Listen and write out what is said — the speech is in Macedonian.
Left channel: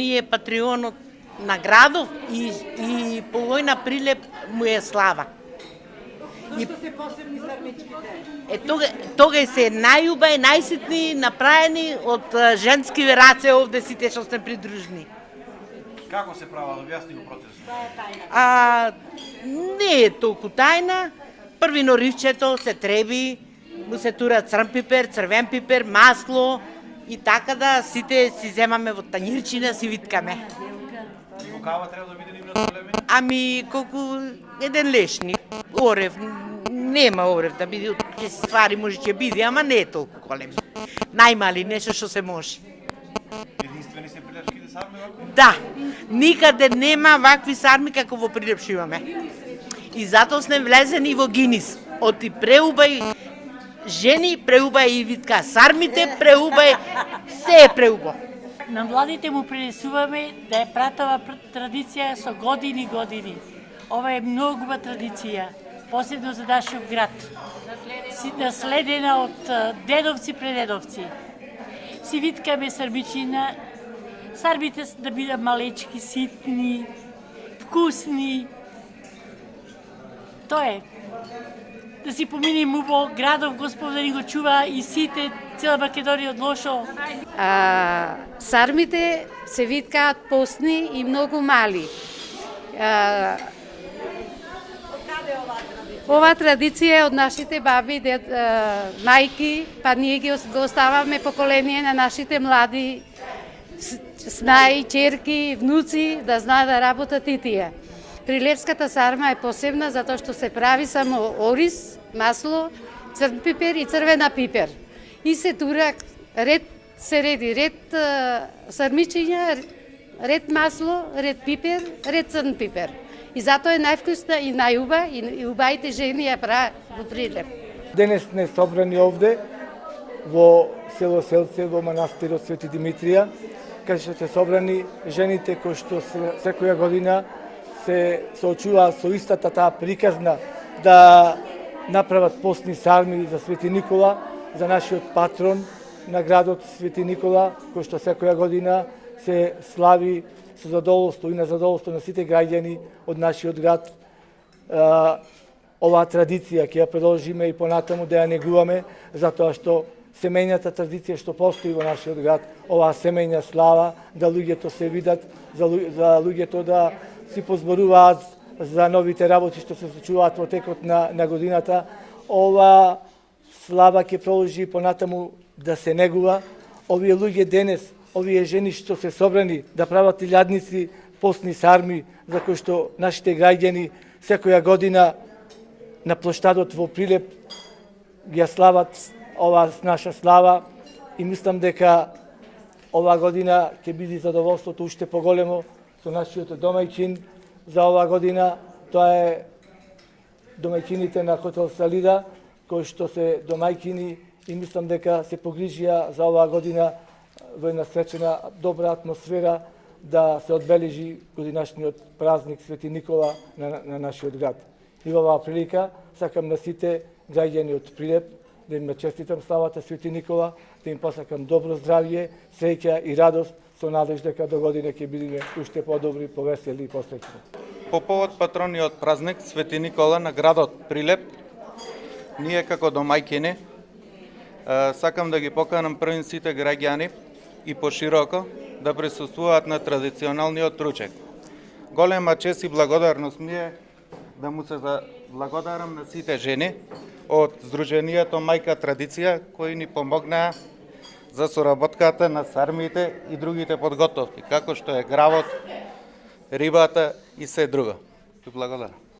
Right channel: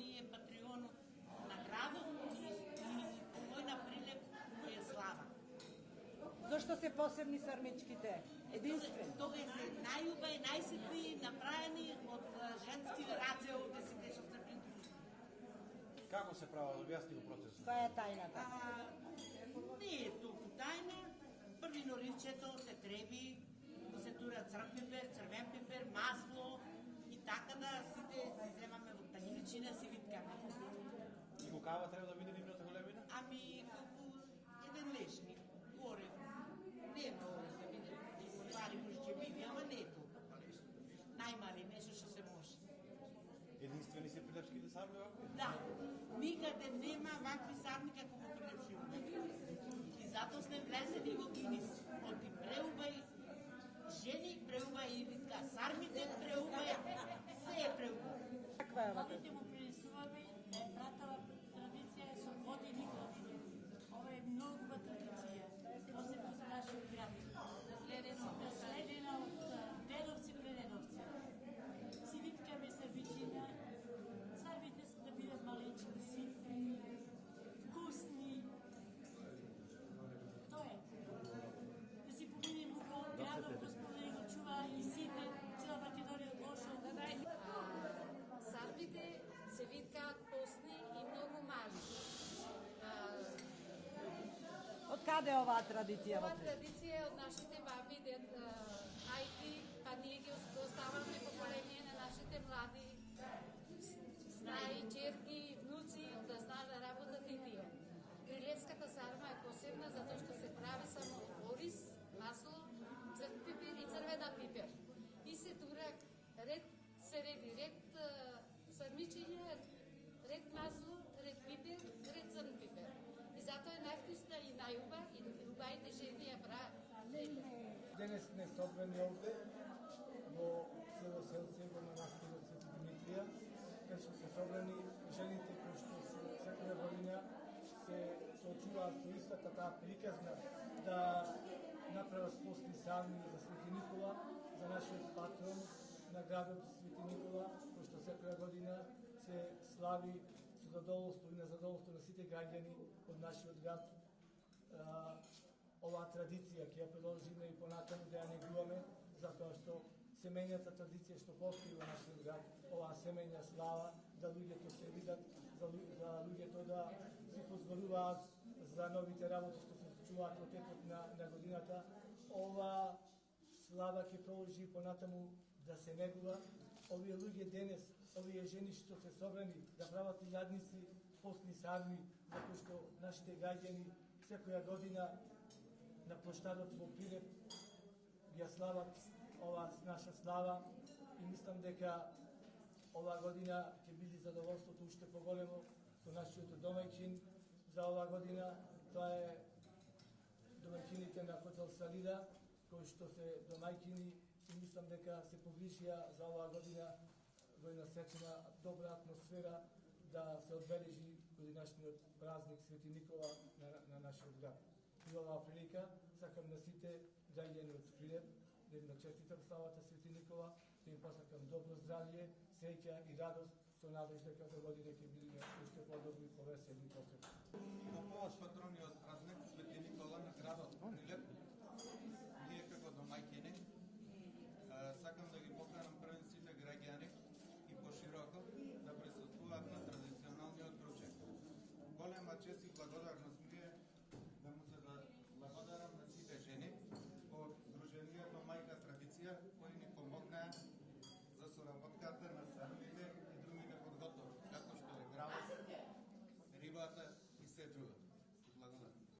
Ние патреонот на градов и по војна Прилеп му е слава. Зашто се посебни сармичките? Тога се најуба и најситни направени од женски раце овде сите што сме придружни. Како се права, да објасни го процесот? Не е толку тајна. Први норивчето се треби, му се тура црн пипер, црвен пипер, масло и така да сите си земаме во тањирчина, си виткаме. Кава треба да биде нивна големи? Колку еден лешни. Орев, нема орев да биде, ќе се ствари може ќе биде, ама не е толку големи. Најмали, нешто што се може. Единствени се прилепските сарми вако? Да, никаде нема вакви сарми како во Прилеп што имаме. И затоа сме влезени во Гинис. Оти преубај жени, преубај и витка сармите, преубај се е преубо. На младите му пренесуваме да е пратова традиција со години. Ова е многу убава традиција, посебно за нашиот град. Наследена од дедовци предедовци. Си виткаме сармичина, сармите да бидат малечки, ситни, вкусни. Тоа е. Да си поминем убаво градов, Господ да ни го чува и сите, цела Македонија од лошо. Сармите се виткаат постни и многу мали. Ова традиција е од нашите баби, мајки, па ние го оставаме поколение на нашите млади снаи, черки, внуци да знаат да работат и тие. Прилепската сарма е посебна затоа што се прави само ориз, масло, црн пипер и црвена пипер. И се тура ред сармичиња, ред масло, ред пипер, ред црн пипер. И затоа е највкусна и најуба и убавите жени ја прават во Прилеп. Денес сме собрани овде во село Селце, во манастирот Свети Димитрија, каде што се собрани жените кои што секоја година се соочуваат со истата таа приказна да направат постни сарми за Свети Никола, за нашиот патрон на градот Свети Никола, кој што секоја година се слави со задоволство и на задоволство на сите граѓани од нашиот град. Оваа традиција ќе ја продолжиме и понатаму да ја негуваме, затоа што семејната традиција што постои во нашиот град, оваа семејна слава, да луѓето се видат, за луѓето да си позборуваат за новите работи што се случуваат во текот на годината. Ова слава ќе продолжи понатаму да се негува. Овие луѓе денес, овие жени што се собрани да прават илјадници постни сарми, за кои што нашите граѓани секоја година на плоштадот во Прилеп ја слават оваа наша слава и мислам дека оваа година ќе биде задоволството уште поголемо со нашиот домајчин за оваа година. Тоа е домајчините на хотел Салида, кои што се домајчини и мислам дека се погрижија за оваа година во една сречена, добра атмосфера да се одбележи годинашниот празник Свети Никола на нашиот град. И во оваа прилика сакам на сите граѓани од Прилеп да им честитам славата Свети Никола, да им посакам добро здравје, среќа и радост, со надеж дека до година ќе бидеме уште подобри, повесели и посреќни. По повод патрониот празник Свети Никола на градот Прилеп, ние како домајќини сакам да ги поканам првин сите граѓани и пошироко да присуствуваат на традиционалниот ручек. Голема чест и благодарност ми е да му се благодарам на сите жени од Сдруженијето Мајка Традиција кои ни помогнаа за соработката на сармите и другите подготовки, како што е гравот, рибата и се друго. Благодарам.